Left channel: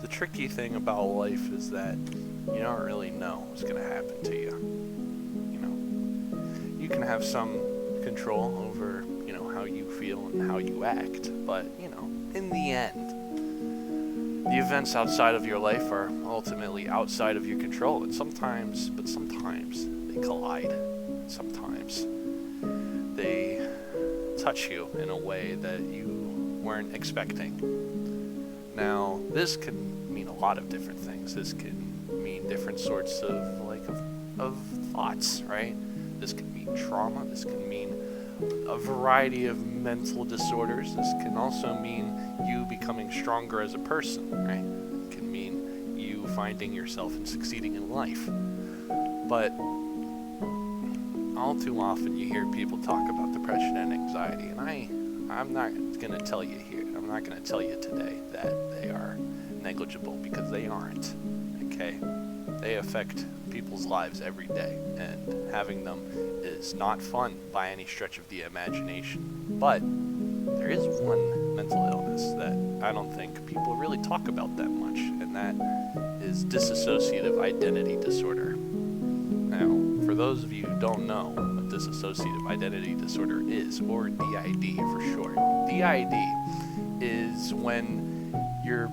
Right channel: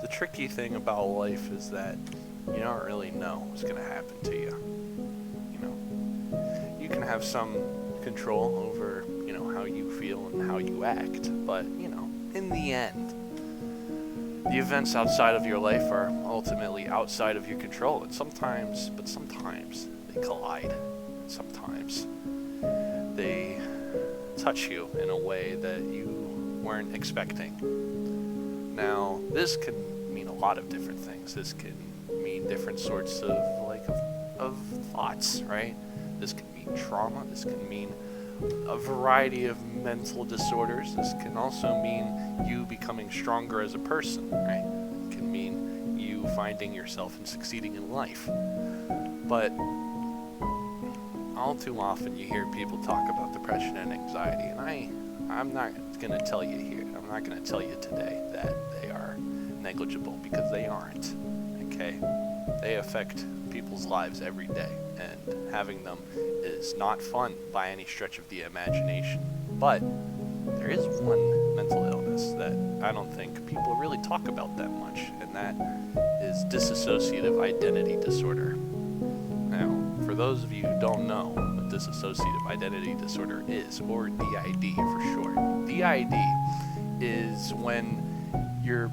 The tricky thing about life is that you don't really know what's going to happen to you. You know, you can have some control over, how you feel and how you act, but, in the end, the events outside of your life are ultimately outside of your control, and sometimes they collide. Sometimes they touch you in a way that you weren't expecting. Now, this can mean a lot of different things. This can mean different sorts of thoughts, right? This can mean trauma. This can mean a variety of mental disorders. This can also mean you becoming stronger as a person, right? It can mean you finding yourself and succeeding in life. But all too often you hear people talk about depression and anxiety, and I'm not going to tell you here, I'm not going to tell you today that they are negligible, because they aren't, okay? They affect people's lives every day, and having them is not fun by any stretch of the imagination. But there is one mental illness that I don't think people really talk about that much, and that is dissociative identity disorder. Now, for those of you who don't know what dissociative identity disorder is, or DID for short, DID is when your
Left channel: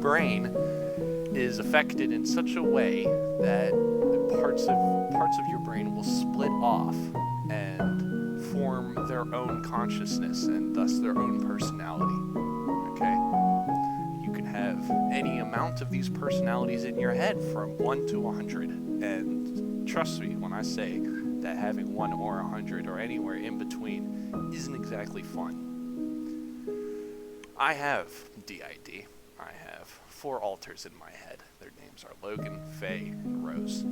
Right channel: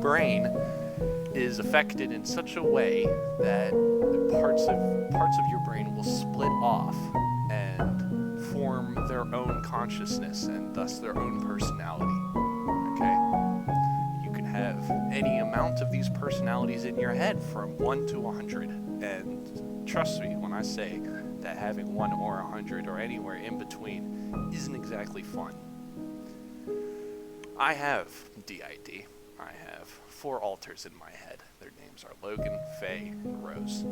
brain is affected in such a way that parts of your brain will split off and form their own consciousness and thus their own personality. Okay? You can have any amount of these personalities in your head from 1 to 100, and trust me when I say that having 1 or 100 or anywhere in between isn't exactly fun. I have DID. I have 4 alters in my head. Their names are Logan, Faye, and Rose.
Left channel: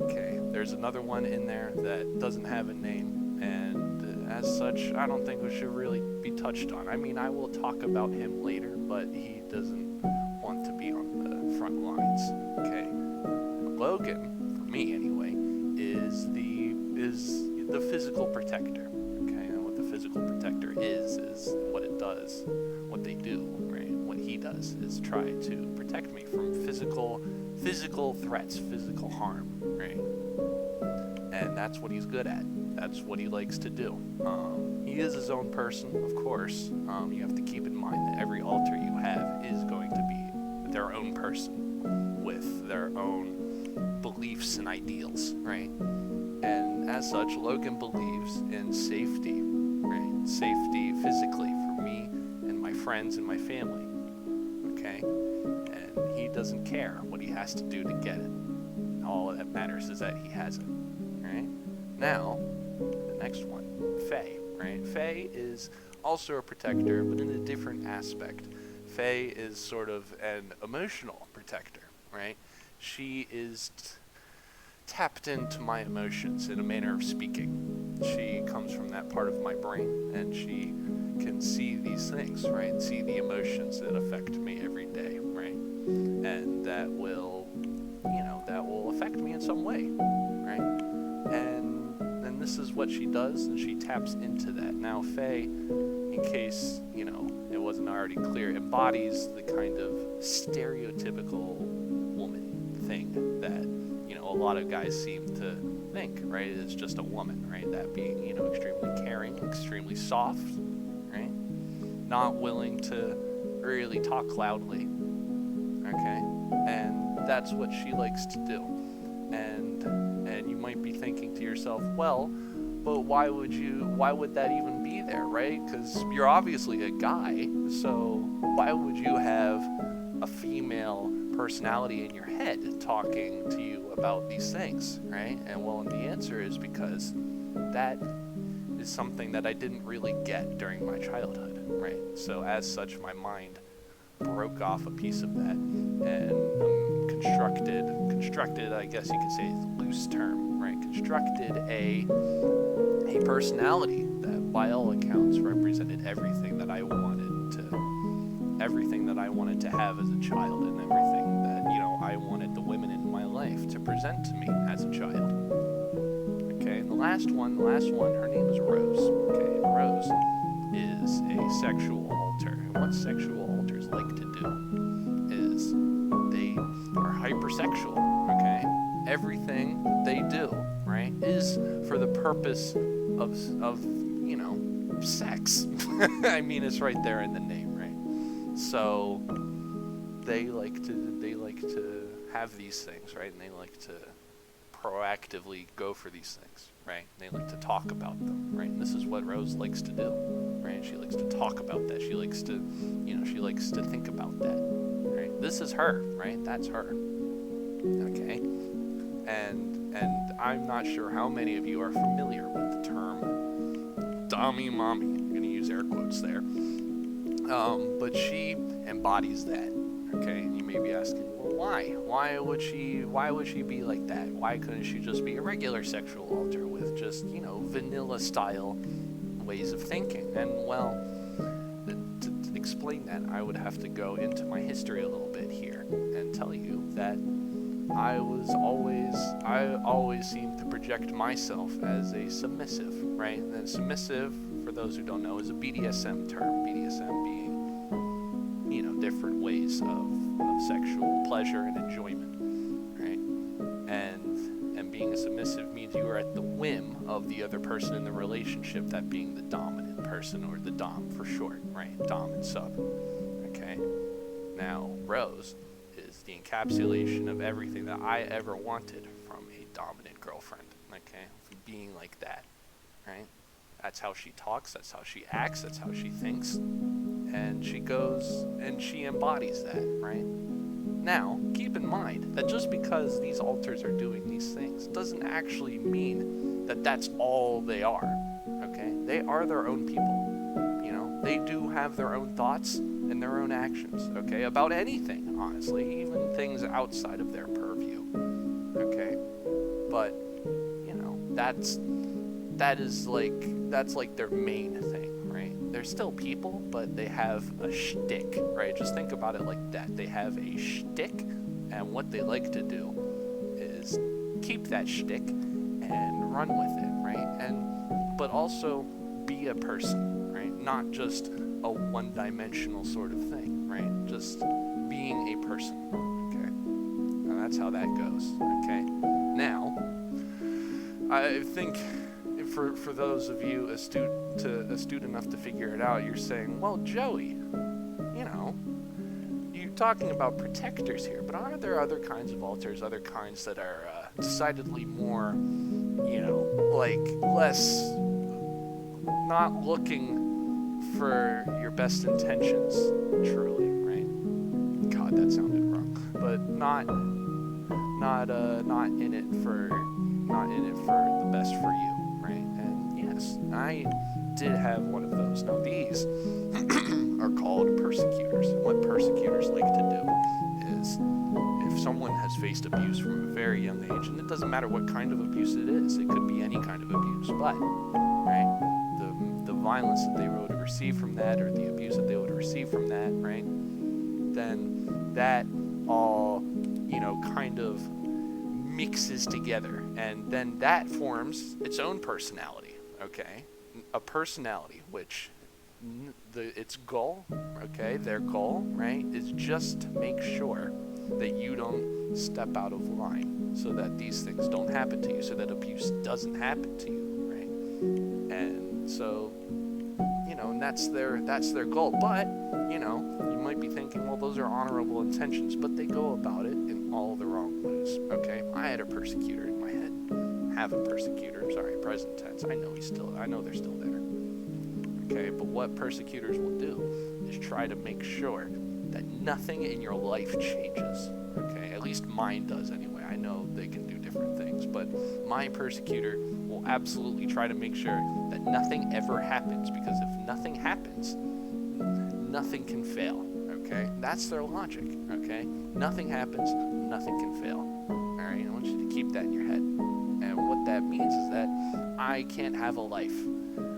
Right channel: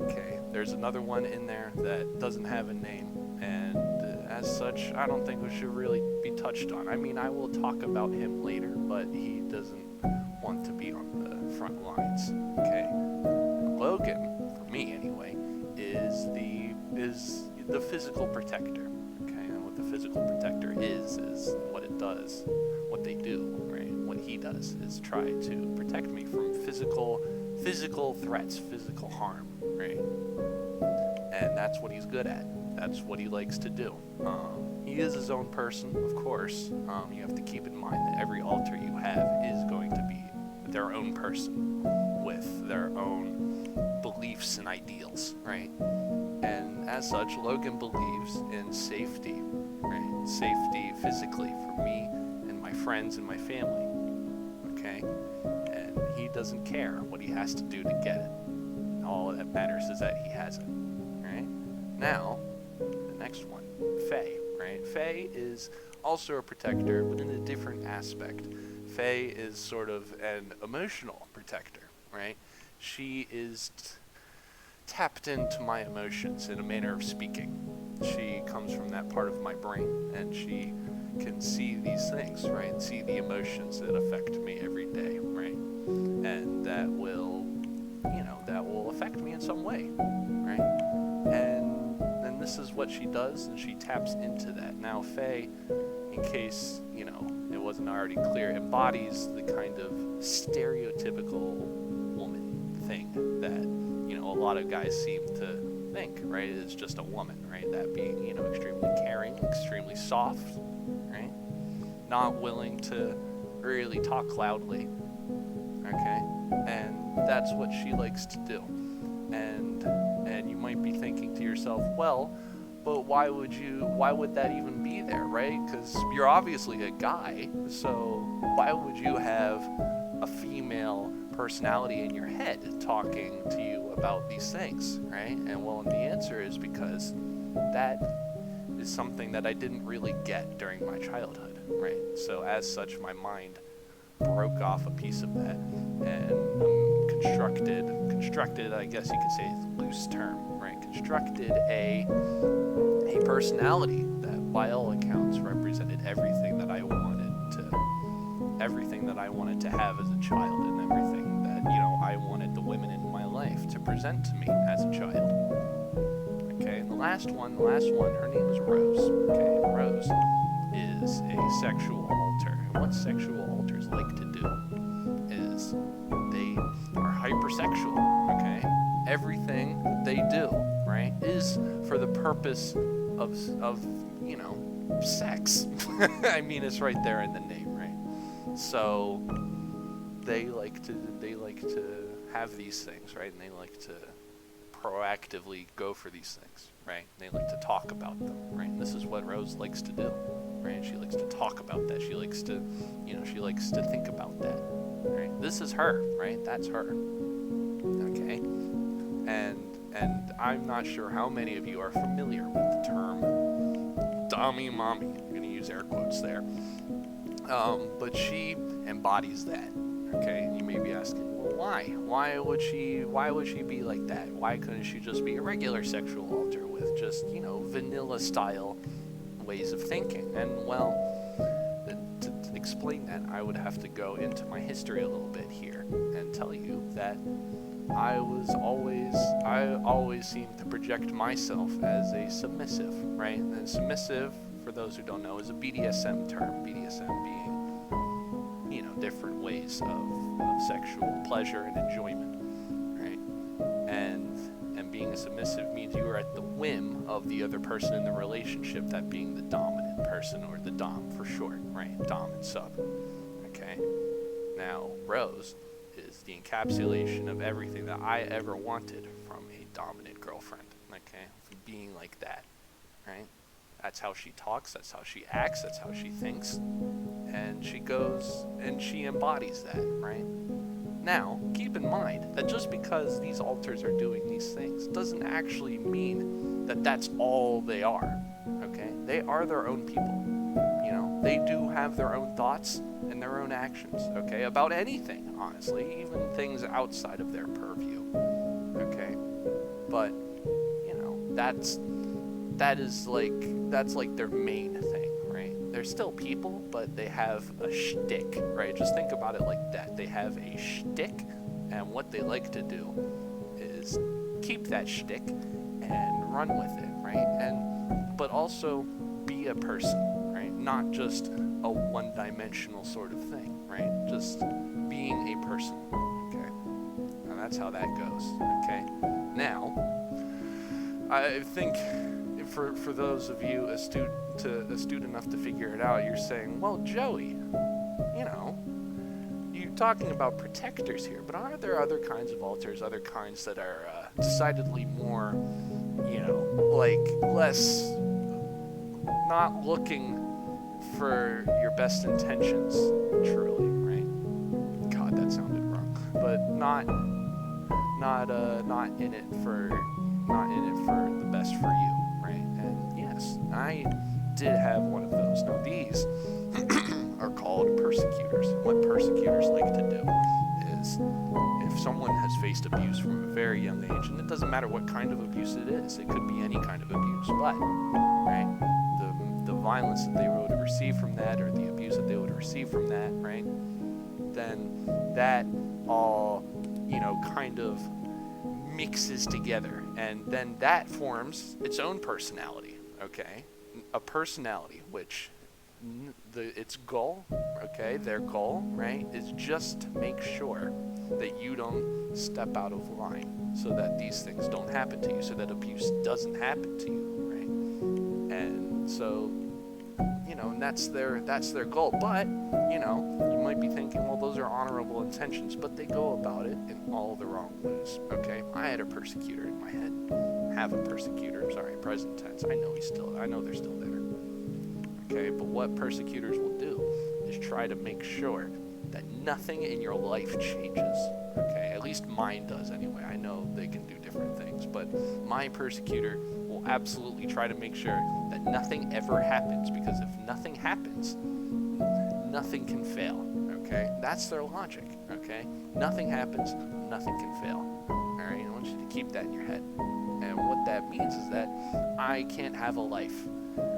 Okay, there's another one in there that doesn't have a name, and as such, I don't think it should really be touched on. I mean, I will talk about him later, but he doesn't want to be on the front lines. Okay, Logan, for me anyway, is the physical protector. Okay, and what the physical protector is what it does. What they do, right? What he does is try to protect me from physical threats, physical harm, right? And that's what he's good at. That's what he likes to do. He is his own person, of course. You have to keep in mind that every alter you have is going to be their own person with their own beliefs and ideals, right? And as such, Logan believes in safety, right? Safety physically for me, my friends and my family, okay? And he doesn't care what he has to do to get it. All that matters is that he has it, right? Now, the next one, Faye, right? Faye is also a protector, but in a different aspect. Faye is sort of an emotional protector, right? She is tapped into my emotions in a manner of speaking. She comes from that part of my brain, and she can see these things, right? See the emotions that affect me every day, right? And that will affect me in some way, right? And this is what she does, and she taps into that. Now, Faye, in case, it wasn't already clear, embodies the kind of stereotypical woman thing that, a lot of guys seem to think, right? It's just a woman, right? That being, extremely caring, extremely soft, right? Not willing to really talk loudly, okay? And that's what she likes to do. And you might be thinking to yourself, well, but why would that even be there, right? Because you're obviously a guy, so why would you have a female personality in your head talking to you about these things, right? And well, and the answer is because that is something that I didn't really get during my childhood, right? So as such, my mind broke off a piece of that and constructed, I guess you could say it's a loose term, right? Constructed a personality that by all accounts represented everything that I wanted to have as a child, and everything that, I wanted the women in my life to present to me as a child. Okay, and the last one, her name is Rose. Okay, and Rose is a sexual alter. And what sexual alters like to do sexual, okay? Everything that they do, right, is for the purpose of sex. I mean, it's right there in the name, right? So they like to have these things, right? And they like to proactively go for these things, right? They like to talk about them, right? And this is what Rose likes to do, right? She likes to talk about that. She likes to, she likes to think about that, right? This is her, right? That's her, okay? And I'm not sure how many of you are familiar with the term "dummy mommy." I'm going to use air quotes there. But she embodies that, okay? And you may be asking, well, why? Why would she be like that? Why couldn't she just be a regular sexual alter with just, vanilla style ways of thinking? And well, to explain that, I would have to go into my history a little bit here and tell you that I always seemed to project myself as a submissive, right? And submissive, for those who don't know, is a BDSM term. BDSM being, different ways of sexual pleasure and enjoyment, right? And being a submissive means you are at the whim of the other person in the relationship, that being the dominant person, or the dom for short, right? Dom and sub, okay? Now, Rose is the encapsulation of everything that I ever wanted from a dominant girlfriend, okay? Being like that, right? That's how she talks, that's how she acts, that's how she thinks, and she goes and she embodies that, right? Now, keep in mind that just because these alters are doing these things doesn't actually mean that that's all they are, okay? They are their own people, They do have their own thoughts and their own actions, okay? About anything, honestly, even things outside of their purview, okay? But, that's like their main thing, right? They're still people, but they have a shtick, right? Just think about it like that. They have a shtick, and what they like to do is keep that shtick and run with it, right? But also be a person, right? Not just a one-dimensional sort of thing, right? Just being a person, okay? And that's how that goes, okay? Now, I think for those of you astute enough to figure it out, you're saying, well, Joey, you're talking about protectors here, but are there other kinds of alters, other kinds that are decidedly more, less not looking for your best intentions, truly, right? God, that sounded wrong. But not in it for the best for you, right? And yes, I did have one of those. Now these are called persecutors. And what persecutors like to do is, if someone has faced abuse from a very young age, and it doesn't matter what kind of abuse it is, it could be any kind of abuse, but, right, the violence that they would have received from that, or the abuse that they would have received from that, right, then that all, kind of mixes together, and then that forms its own personality, okay? A personality which its goal, okay, their goal, right, is just to make sure that you don't step out of line, so that these things don't happen to you, so that abuse doesn't happen to you, right? And so, and that's their goal. But, you might be thinking, well, those are honorable intentions, but they go about it in all the wrong ways, okay? I had a persecutor in my head. Have a persecutor, sorry, present tense. I know they're still there. Okay, but what persecutors will do is try to make sure that nothing in your life changes, okay? At least mine does anyway. I know they can do different things, but my persecutor will absolutely try to make sure that nothing ever happens, because if nothing happens, nothing can fail, okay? That's their logic, okay? Nothing happens, nothing can fail, all right? I want you to keep that in your head. And what that means is that I can't have a life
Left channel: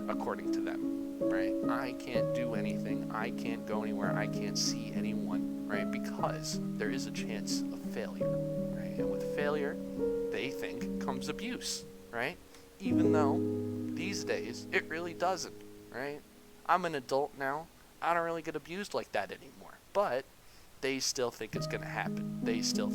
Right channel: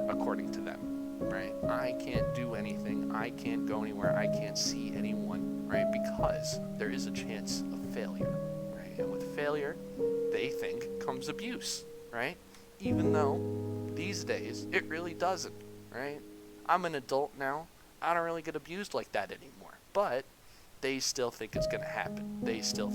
according to them, right? I can't do anything. I can't go anywhere. I can't see anyone, right? Because there is a chance of failure, right? And with failure, they think comes abuse, right? Even though these days it really doesn't, right? I'm an adult now. I don't really get abused like that anymore. But they still think it's going to happen. They're still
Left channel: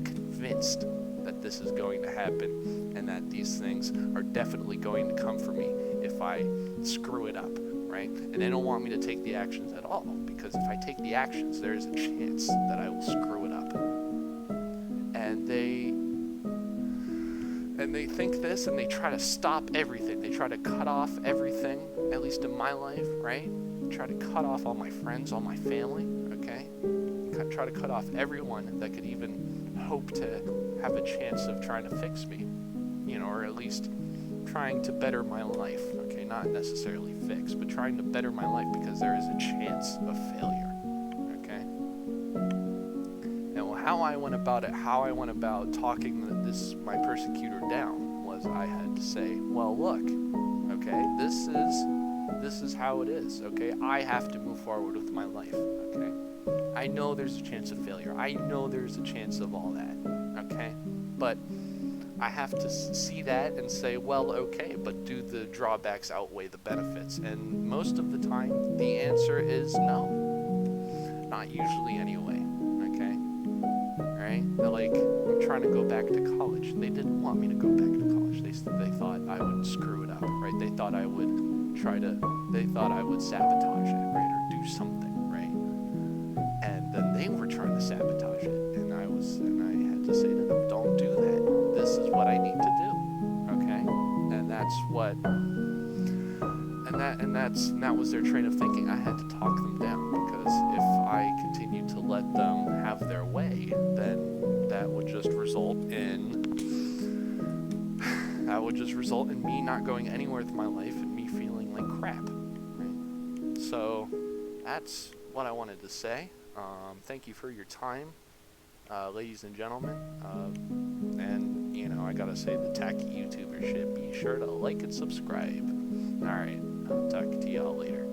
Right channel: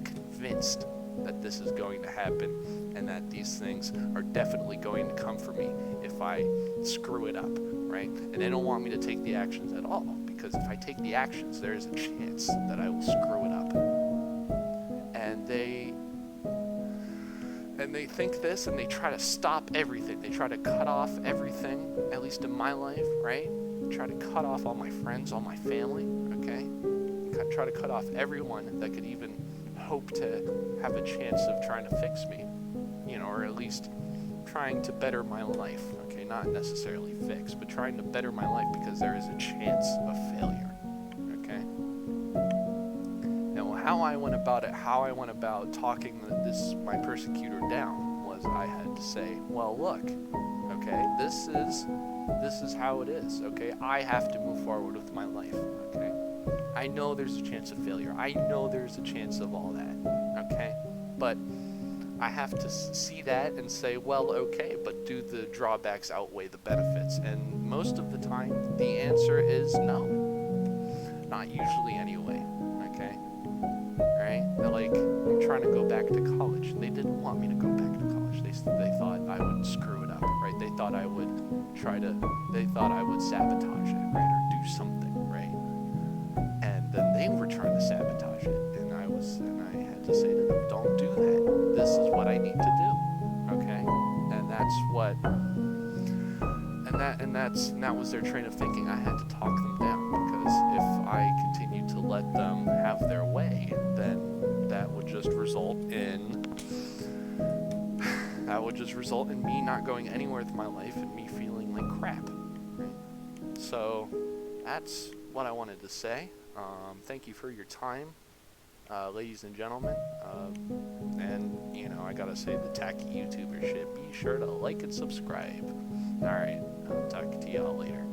convinced that this is going to happen and that these things are definitely going to come for me if I screw it up, right? And they don't want me to take the actions at all, because if I take the actions, there is a chance that I will screw it up. And they think this, and they try to stop everything. They try to cut off everything, at least in my life, right? Try to cut off all my friends, all my family, okay? Try to cut off everyone that could even hope to have a chance of trying to fix me, or at least trying to better my life, okay? Not necessarily fix, but trying to better my life, because there is a chance of failure, okay? And how I went about talking my persecutor down was I had to say, well, look, okay, this is how it is, okay? I have to move forward with my life, okay? I know there's a chance of failure. I know there's a chance of all that, okay? But I have to see that and say, well, okay, but do the drawbacks outweigh the benefits? And most of the time, the answer is no. Not usually anyway, okay? Right? Like, I'm trying to go back to college. They didn't want me to go back to college. They thought I would screw it up, right? They thought I would sabotage it, right? Or do something, right? And then they were trying to sabotage it. And I had to say to them, don't do that. This is what I need to do, okay? And that was their train of thinking. I had to talk them down, because if I continued to let them have their way, then that would just result in me not going anywhere with my life and me feeling like crap, right? So that's what I wanted to say. Thank you for your time, ladies and gentlemen. And I gotta say the tacky YouTuber shit. Be sure to like and subscribe. All right, I'll talk to y'all later.